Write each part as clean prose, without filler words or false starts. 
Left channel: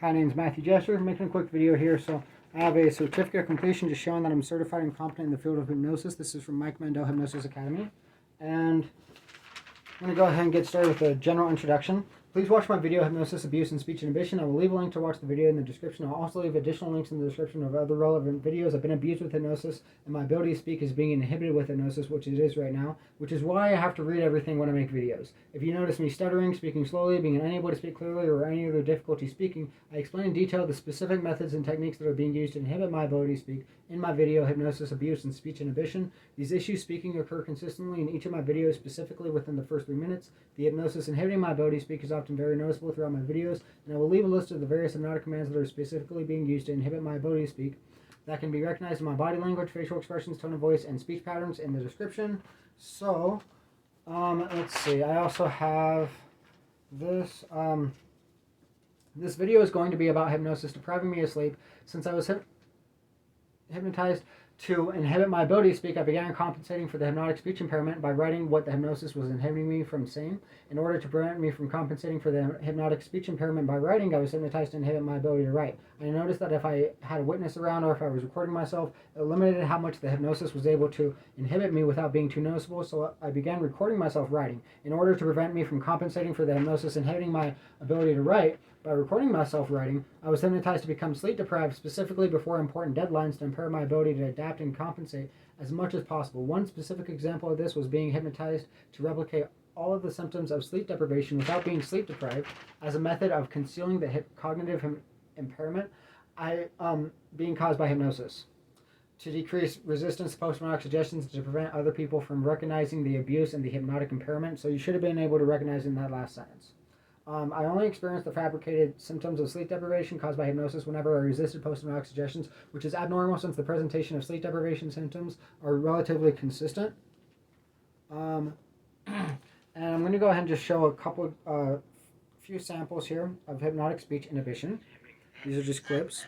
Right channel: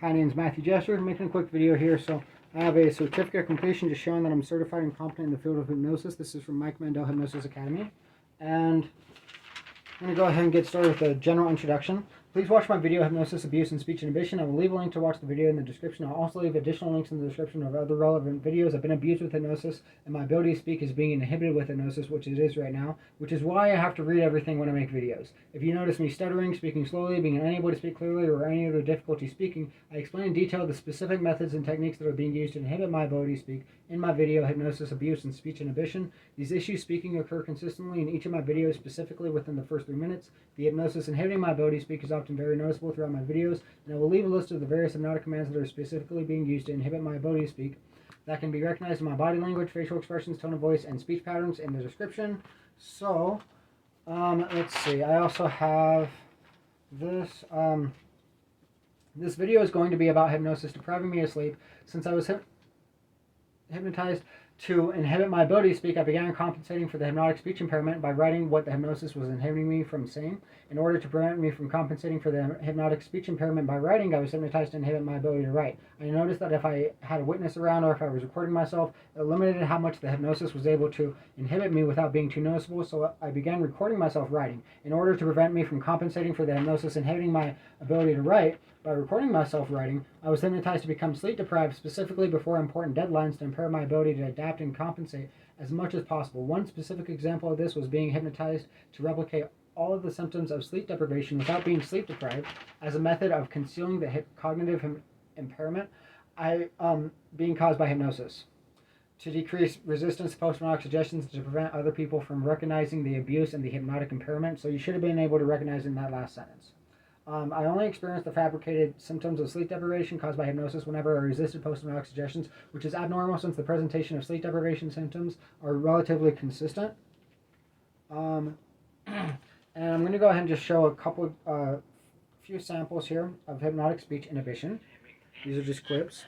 Hi, my name is Matthew Jester. I'm making a quick video here. So I have a certificate of completion just showing that I'm certified and competent in the field of hypnosis. This is from Mike Mandel Hypnosis Academy. And I'm going to go ahead and get started with a general introduction. Please watch my video, Hypnosis, Abuse, and Speech Inhibition. I will leave a link to watch the video in the description. I'll also leave additional links in the description of other relevant videos. I've been abused with hypnosis, and my ability to speak is being inhibited with hypnosis, which it is right now, which is why I have to read everything when I make videos. If you notice me stuttering, speaking slowly, being unable to speak clearly, or any other difficulty speaking, I explain in detail the specific methods and techniques that are being used to inhibit my ability to speak in my video, Hypnosis, Abuse, and Speech Inhibition. These issues speaking occur consistently in each of my videos, specifically within the first 3 minutes. The hypnosis inhibiting my ability to speak is often very noticeable throughout my videos, and I will leave a list of the various hypnotic commands that are specifically being used to inhibit my ability to speak that can be recognized in my body language, facial expressions, tone of voice, and speech patterns in the description. So, let's see. I also have this. This video is going to be about hypnosis depriving me of sleep. Since I was hypnotized to inhibit my ability to speak, I began compensating for the hypnotic speech impairment by writing what the hypnosis was inhibiting me from saying. In order to prevent me from compensating for the hypnotic speech impairment by writing, I was hypnotized to inhibit my ability to write. I noticed that if I had a witness around or if I was recording myself, it limited how much the hypnosis was able to inhibit me without being too noticeable, so I began recording myself writing. In order to prevent me from compensating for the hypnosis inhibiting my ability to write, by recording myself writing, I was hypnotized to become sleep deprived, specifically before important deadlines, to impair my ability to adapt and compensate as much as possible. One specific example of this was being hypnotized to replicate all of the symptoms of sleep deprivation without being sleep deprived as a method of concealing the cognitive impairment being caused by hypnosis. To decrease resistance to post-hypnotic suggestions, to prevent other people from recognizing the abuse and the hypnotic impairment. So you should have been able to recognize in that last sentence. I only experienced the fabricated symptoms of sleep deprivation caused by hypnosis whenever I resisted post-hypnotic suggestions, which is abnormal since the presentation of sleep deprivation symptoms are relatively consistent. And I'm going to go ahead and just show a few samples here of hypnotic speech inhibition. These are just clips.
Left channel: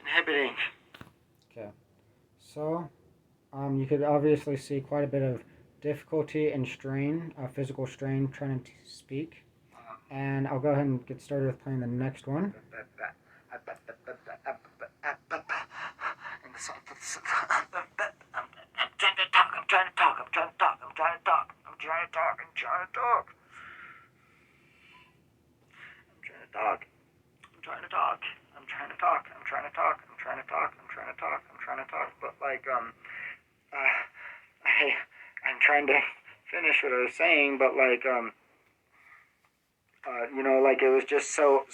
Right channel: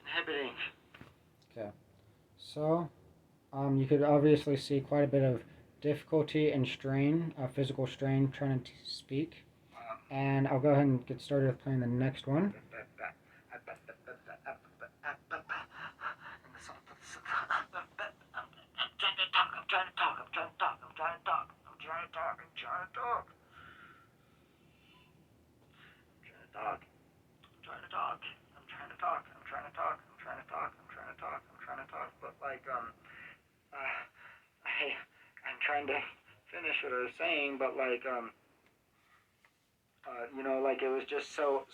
Inhibiting. Okay, so you could obviously see quite a bit of difficulty and strain, physical strain, trying to speak. And I'll go ahead and get started with playing the next one. But like I'm trying to finish what I was saying, but like you know, like it was just so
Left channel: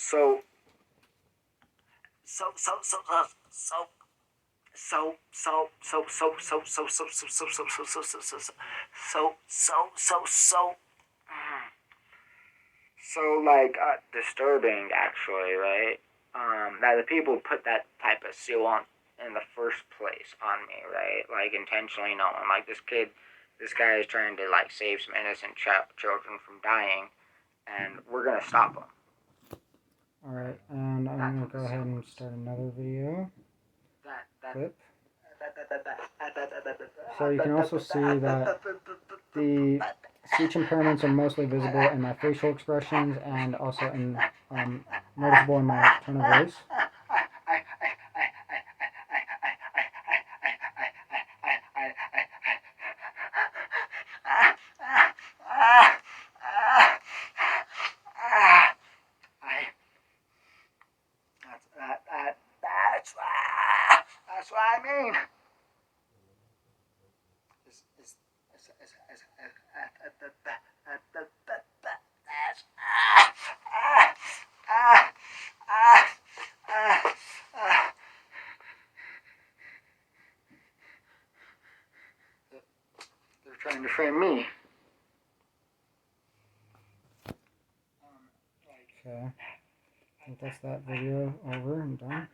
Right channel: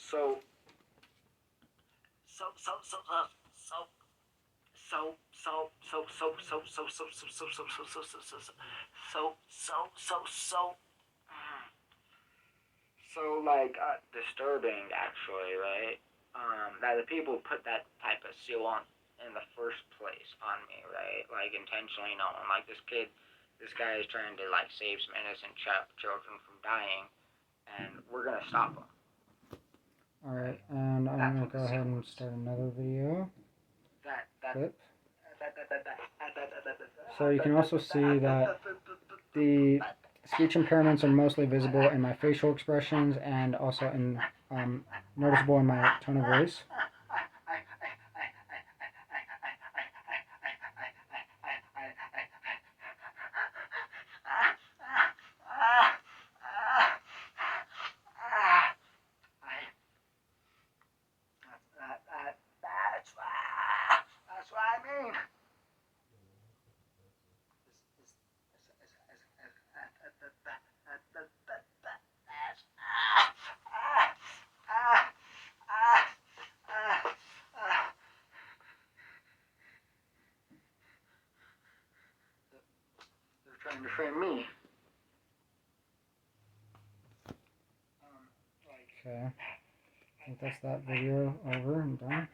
like disturbing, actually, right? That the people put that type of seal on in the first place on me, right? Like intentionally knowing, like this guy is trying to like save some innocent children from dying, and we're gonna stop him. All right, and I'm gonna go ahead and start another video clip. So you can also see that the speech impairments are mostly visible in my facial expressions and also in noticeable in my tone of voice. That's what I mean. trying to frame me. Okay, I think that's that video over and done.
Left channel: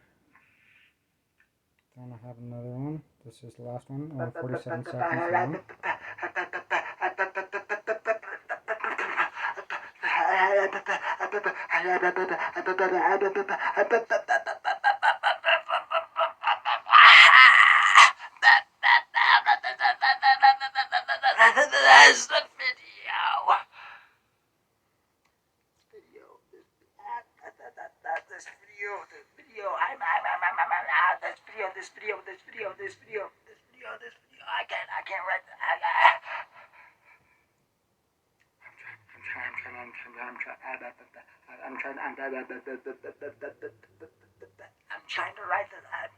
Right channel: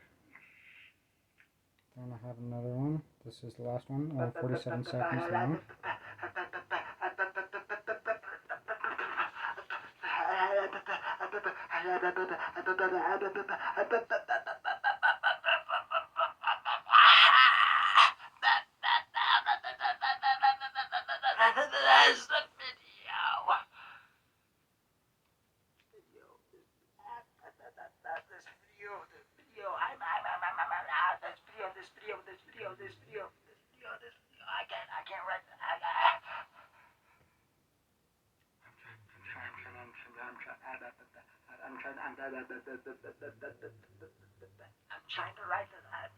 Then I have another one. This is the last one, 47 seconds long. That's the video. I can't write. I'm trying to write this. I'm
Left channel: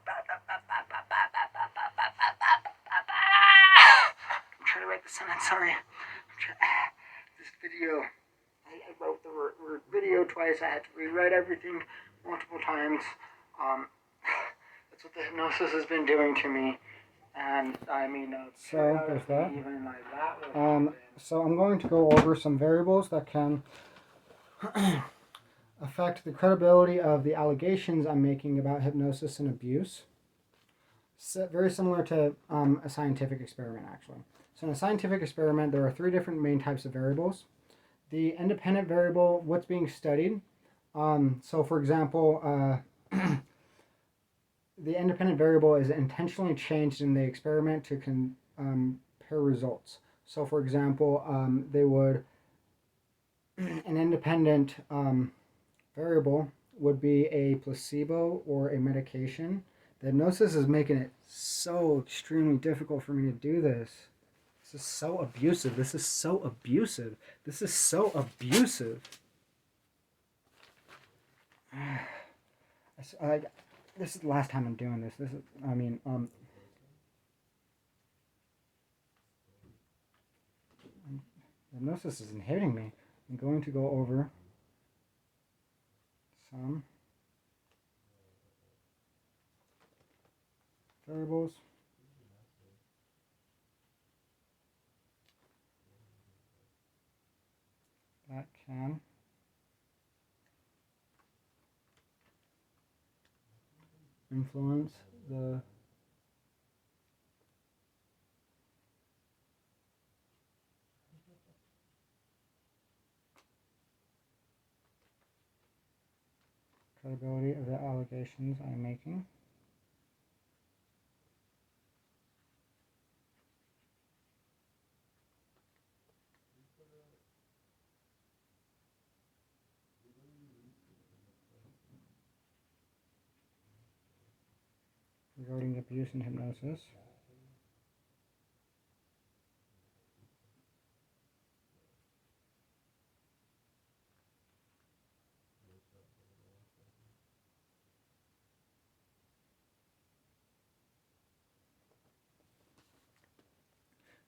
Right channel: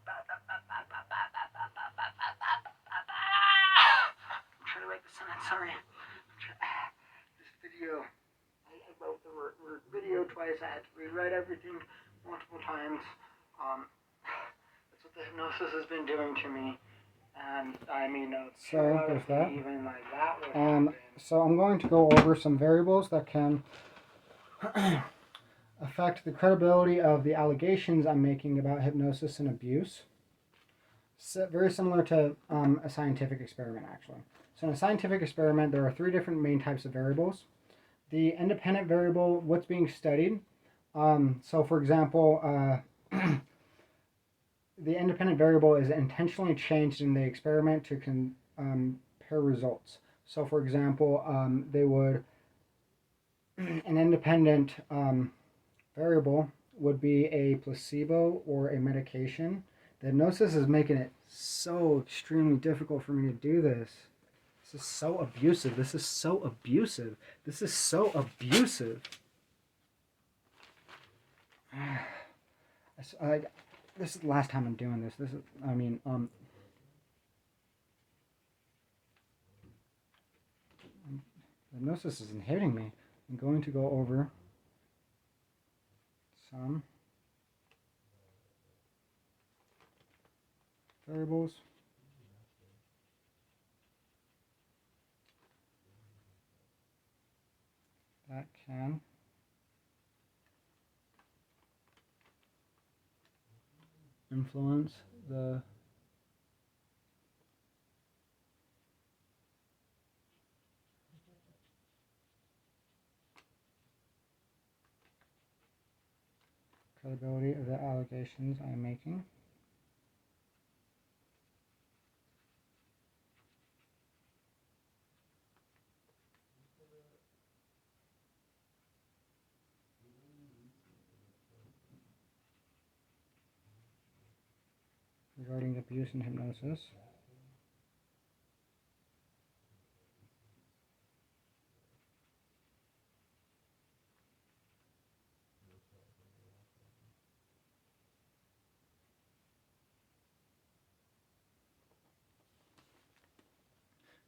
trying to write the sentence. Sorry. This video. I wrote the word video twice. I had to rewrite everything multiple times. That's what the hypnosis has been doing to me. And I mean, so there's that. Even like that so I'm going to go over some variables that can affect the credibility of the allegations I'm making about hypnosis and abuse. So, very similar to a scientific experiment, actually. So in a scientific experiment, there are 3 different main types of variables. The independent variable, what's being studied. So for example, the independent variable is intentionally changed in the experiment to compare results. So for example, they would, an independent variable would be a placebo or a medication. The hypnosis is making it so extremely difficult for me to do this. This is so abusive. This is so abusive. This is so abusive. This is the last time I'm doing this. This is, I mean, hypnosis is inhibiting me. I'm going to go over some variables that can influence the credibility of the allegations I'm making. Regarding abuse and hypnosis.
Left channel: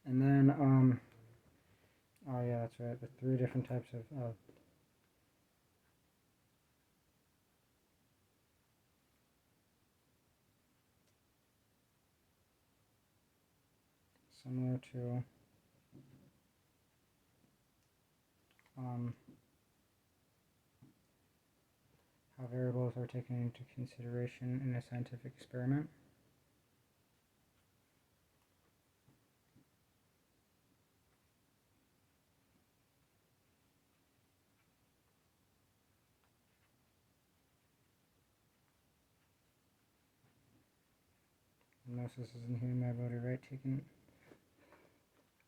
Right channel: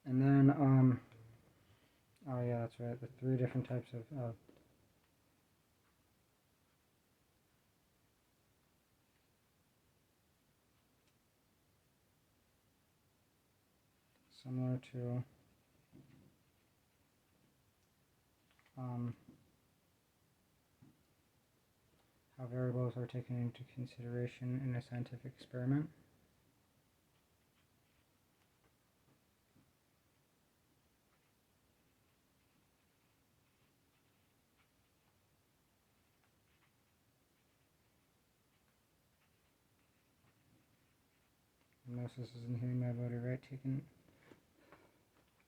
And then, oh yeah, that's right, the 3 different types of similar to how variables are taken into consideration in a scientific experiment. Hypnosis is inhibiting my ability, right?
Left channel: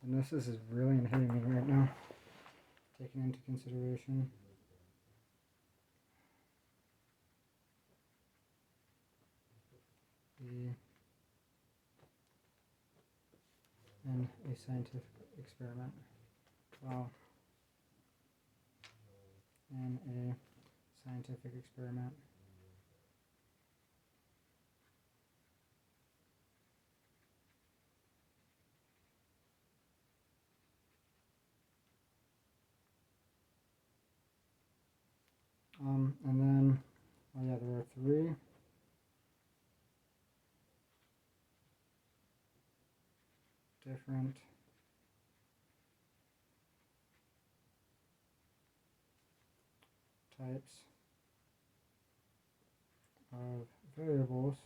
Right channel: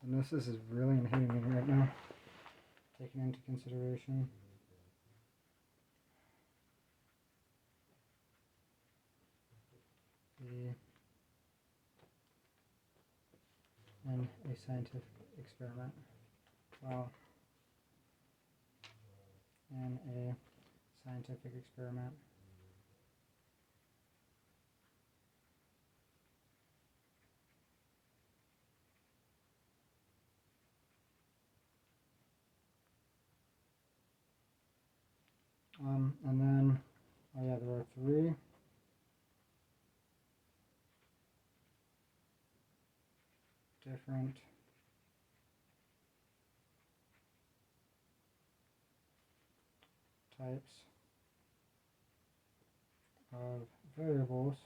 Hypnosis is really inhibiting me right now. Taken into consideration. In a scientific experiment. Well, in a scientific experiment. And then, oh yeah, there are 3 different types of variables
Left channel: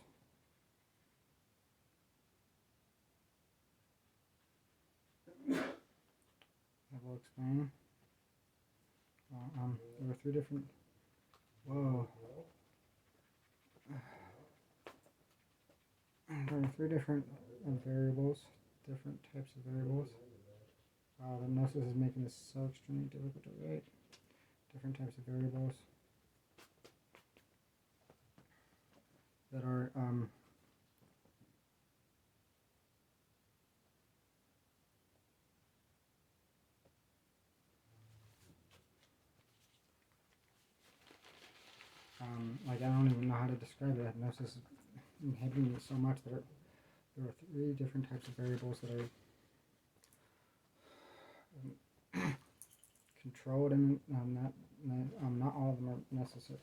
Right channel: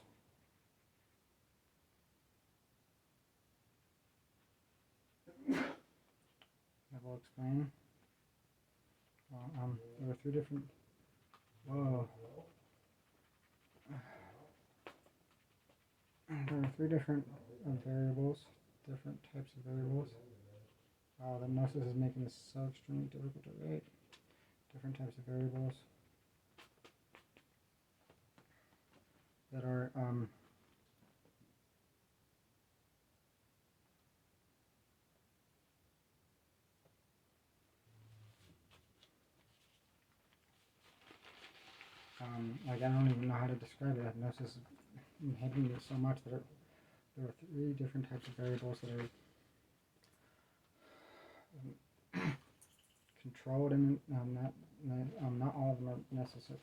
I will explain. There are three different. Whoa. There are three different variables, different types of variables. Wow, the hypnosis is making this so extremely difficult to write. Different types of variables that are like I don't even know how to describe it. Hypnosis is inhibiting it so much that there are three different types of variables that are controlled, and not all of them are necessary.